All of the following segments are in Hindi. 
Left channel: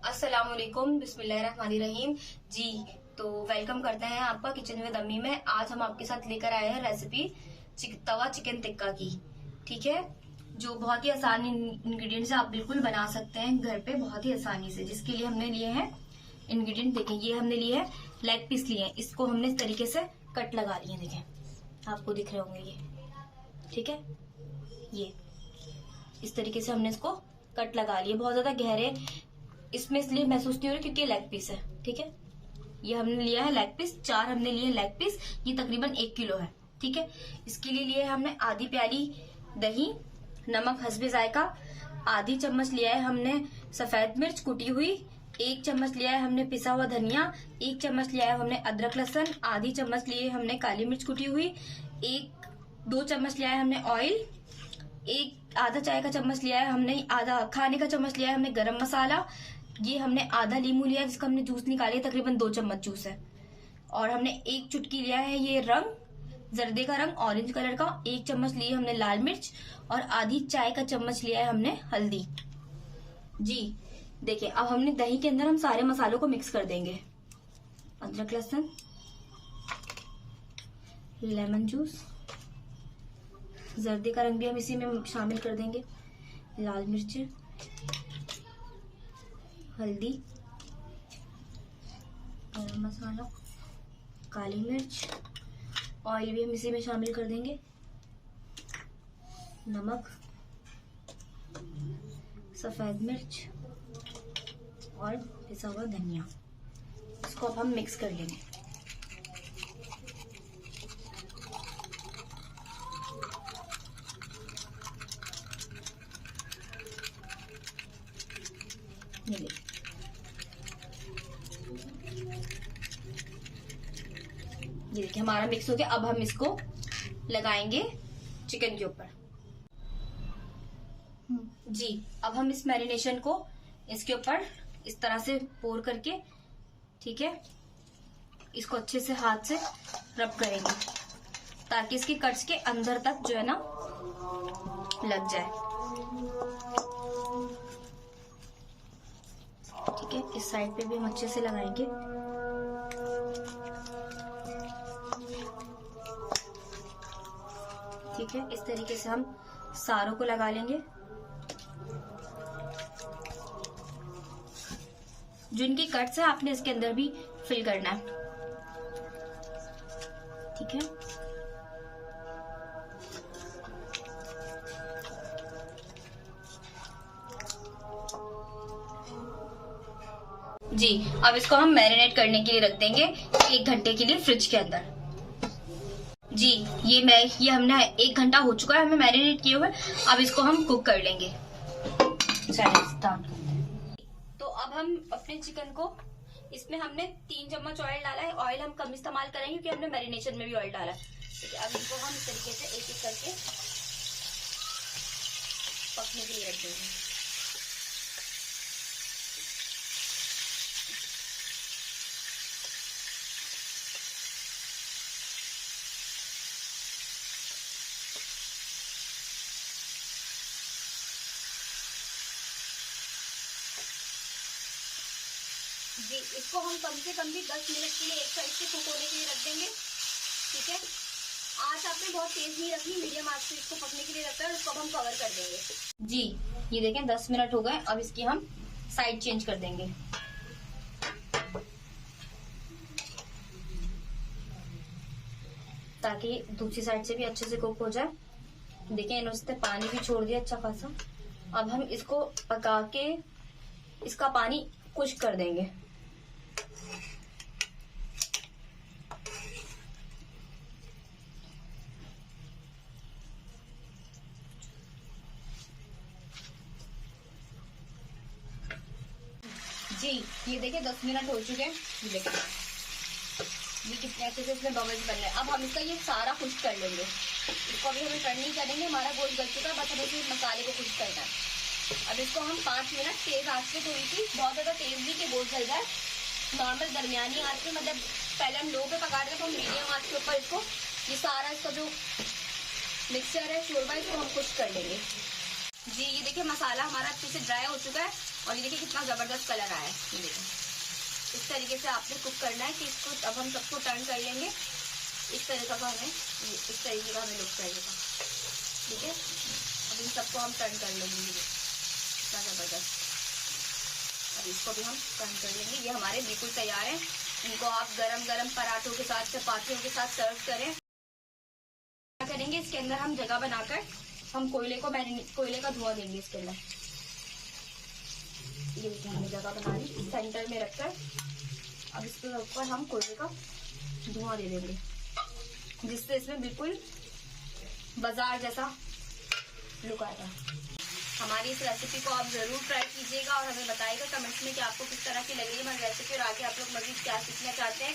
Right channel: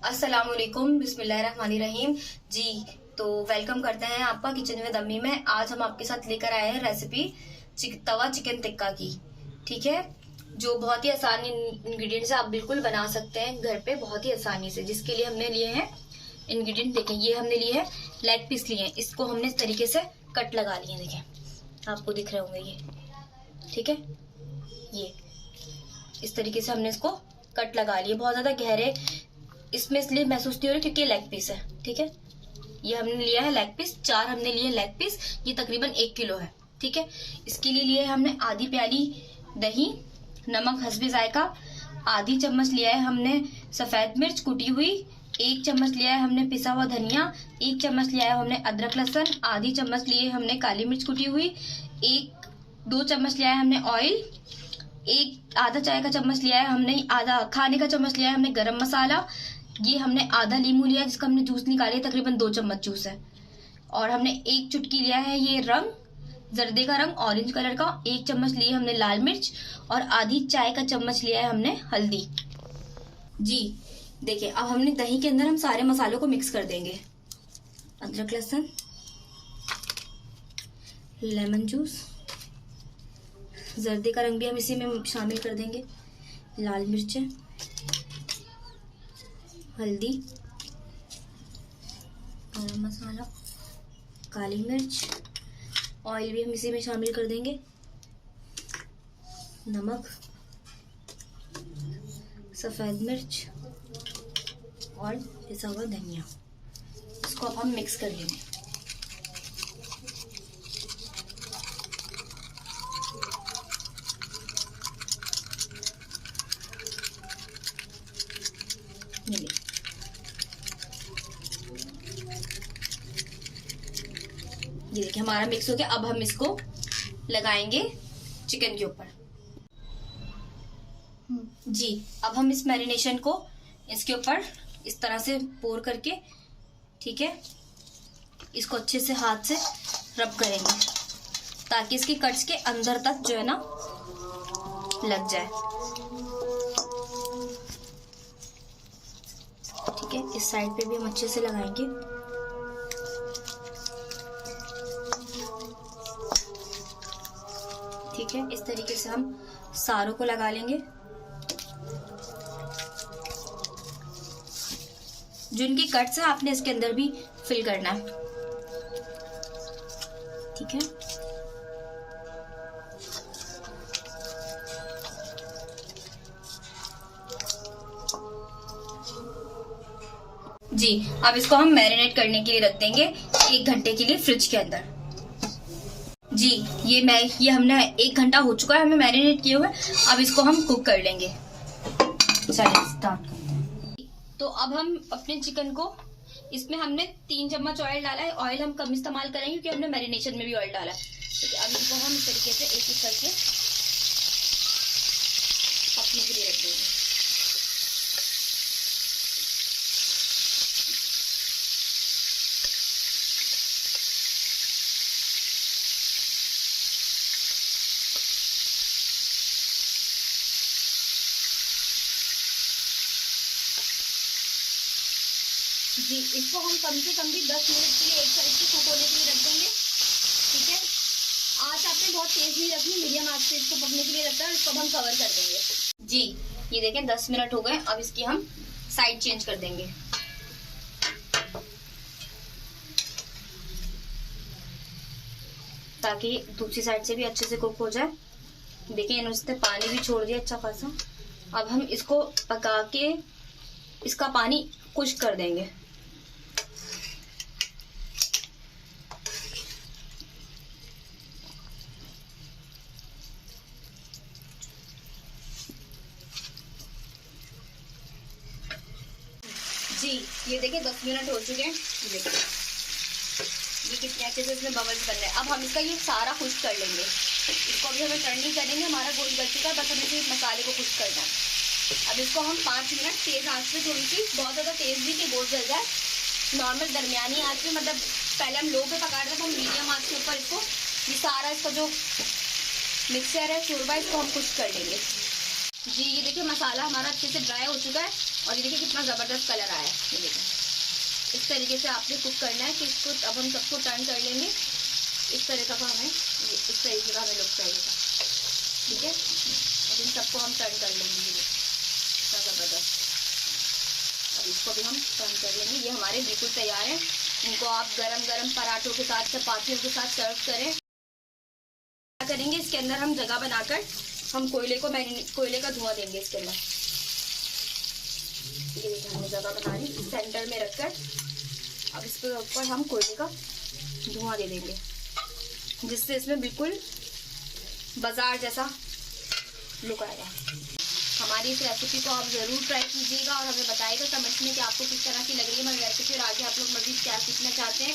अस्सलामुअलैकुम, बिस्मिल्लाहिर्रहमानिर्रहीम। जी, तो वेलकम करते हैं आपका किचन विद अम्मी में। आज हम आपके साथ लेकर आए हैं रेसिपी तवा चिकन टिक्का की। ठीक है, जो बहुत ही आसान इंग्रेडिएंट से आप बिल्कुल बना सकते हैं घर पे बहुत ही आसानी से। जिसके लिए हमने लिए हैं इंग्रेडिएंट, देखें ये हमने लिए हैं लेग पीस लिए हैं। इसको हमने इस तरीके से कट लगा लिए, देखें आपको दिख रहे होंगे ये। ठीक है, ये इस तरीके से हमने इसको कट लगा लिए। बहुत ज्यादा गहरे इसमें इसलिए महसूस नहीं हो रहा क्योंकि लेग पीस है। ठीक है, ये हमने लिया है लेग पीस, 4 हमने लिए लेग पीस। ये तकरीबन 1 किलो है। ठीक है, इसके लिए लिए हमने आधी प्याली दही, नमक हस्बे जायका, आधी चम्मच लिया है हमने सफेद मिर्च कुटी हुई, 1 चम्मच लिया है हमने पिसा हुआ धनिया, 1 चम्मच लिया है हमने अदरक लहसुन, आधी चम्मच लिए हमने काली मिर्च कुटी हुई, 2 चम्मच लिया है हमने ऑयल, आधा चाय का चम्मच लिया है हमने, आधा खाने का चम्मच लिया है हमने गरम मसाला। ये हमने आधा लीमू लिया है जिसका हमने जूस निकालिया, तकरीबन 2 चम्मच जूस है। और हमने 1 चुटकी लिया है ये रंग, जर्दे का रंग, ऑरेंज कलर का। 1 चम्मच ली हमने लाल मिर्च और आधी चाय का चम्मच लिया है हमने हल्दी। जी देखिए, अब हमने दही के अंदर हम सारे मसालों को मिक्स कर देंगे। अदरक लहसुन, लेमन जूस, जर्दे का रंग भी हम इसी में शामिल कर देंगे, लाल मिर्चें, हल्दी, गरम मसाला, काली मिर्च, ऑयल भी हम इसी में शामिल कर देंगे, नमक, सफेद मिर्च और पिसा हुआ धनिया। इसको अब हम मिक्स कर लेंगे। ये देखिए हमारा मिक्स हो गया। अब हम इसको लगाएंगे चिकन के ऊपर। जी, अब हम इस मैरिनेशन को इसके ऊपर इस तरह से पोर करके, ठीक है, इसको अच्छे से हाथ से रब करेंगे ताकि इसके कट्स के अंदर तक जो है ना लग जाए। ठीक है, इस साइड पे भी हम अच्छे से लगाएंगे। ठीक है, इस तरीके से हम सारों को लगा लेंगे। जो इनकी कट्स है आपने इसके अंदर भी फिल करना है। ठीक है, जी अब इसको हम मैरिनेट करने के लिए रख देंगे 1 घंटे के लिए फ्रिज के अंदर। जी ये हमने 1 घंटा हो चुका है हमें मैरिनेट किए हुए। अब इसको हम कुक कर लेंगे। चलिए स्टार्ट करते हैं। तो अब हम अपने चिकन को, इसमें हमने 3 चम्मच ऑयल डाला है। ऑयल हम कम इस्तेमाल करेंगे क्योंकि हमने मैरिनेशन में भी ऑयल डाला है। तो अब इसको हम इस तरीके से एक एक करके पकने के लिए रख देंगे। जी इसको हम कम से कम भी 10 मिनट के लिए एक साइड से कुक होने के लिए रख देंगे। ठीक है, आंच आपने बहुत तेज नहीं रखनी, मीडियम आंच से इसको पकने के लिए रखना है। इसको हम कवर कर देंगे। जी ये देखें 10 मिनट हो गए। अब इसकी हम साइड चेंज कर देंगे ताकि दूसरी साइड से भी अच्छे से कुक हो जाए। देखिए इन्होंने उससे पानी भी छोड़ दिया अच्छा खासा। अब हम इसको पका के इसका पानी खुश्क कर देंगे। जी ये देखिए 10 मिनट हो चुके हैं। ये देखिए ये कितने अच्छे से इसमें बबल्स बन रहे हैं। अब हम इसका ये सारा खुश्क कर लेंगे। इसको अभी हमें टर्न नहीं करेंगे, हमारा गोश्त गल चुका, बस हमें सिर्फ मसाले को खुश्क करना है। अब इसको हम 5 मिनट तेज आंच पे, थोड़ी सी बहुत ज़्यादा तेज भी कि गोश्त गल जाए, नॉर्मल दरमियानी आंच पे, मतलब पहले हम लो पे पका रहे थे, हम मीडियम आंच के ऊपर इसको ये सारा इसका जो मिक्सचर है शोरबा, इसको हम खुश्क कर लेंगे। जी ये देखिए मसाला हमारा अच्छे से ड्राई हो चुका है। और ये देखिए कितना ज़बरदस्त कलर आया है। ये देखिए इस तरीके से आपने कुक करना है कि इसको अब हम सबको टर्न कर लेंगे। इस तरह का हमें इस तरीके का हमें लुक चाहिएगा, ठीक है। अब इन सबको हम टर्न कर लेंगे, ये क्या ज़बरदस्त। अब इसको भी हम टर्न कर लेंगे। ये हमारे बिल्कुल तैयार है। इनको आप गरम गरम पराठों के साथ, चपातियों के साथ सर्व करें। क्या करेंगे, इसके अंदर हम जगह बनाकर हम कोयले का धुआं देंगे इसके अंदर। ये देखिए हमने जगह बना ली सेंटर में रखकर। अब इसके ऊपर हम कोयले का धुआं दे देंगे, जिससे इसमें बिल्कुल बाजार जैसा लुक आएगा। हमारी इस रेसिपी को आप ज़रूर ट्राई कीजिएगा और हमें बताइएगा कमेंट्स में कि आपको किस तरह की लग रही है हमारी रेसिपी और आगे आप लोग मज़ीद क्या सीखना चाहते हैं।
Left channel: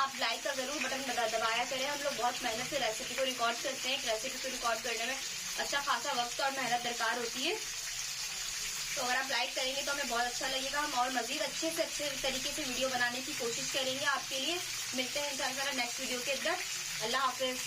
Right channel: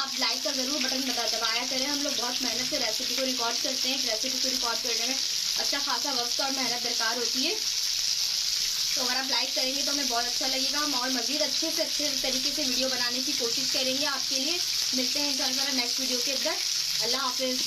आप लाइक का ज़रूर बटन दबाया करें। हम लोग बहुत मेहनत से रेसिपी को रिकॉर्ड करते हैं। एक रेसिपी को रिकॉर्ड करने में अच्छा खासा वक्त और मेहनत दरकार होती है, तो अगर आप लाइक करेंगे तो हमें बहुत अच्छा लगेगा। हम और मज़ीद अच्छे तरीके से वीडियो बनाने की कोशिश करेंगे आपके लिए। मिलते हैं इंशाल्लाह नेक्स्ट वीडियो के अंदर। अल्लाह हाफिज़।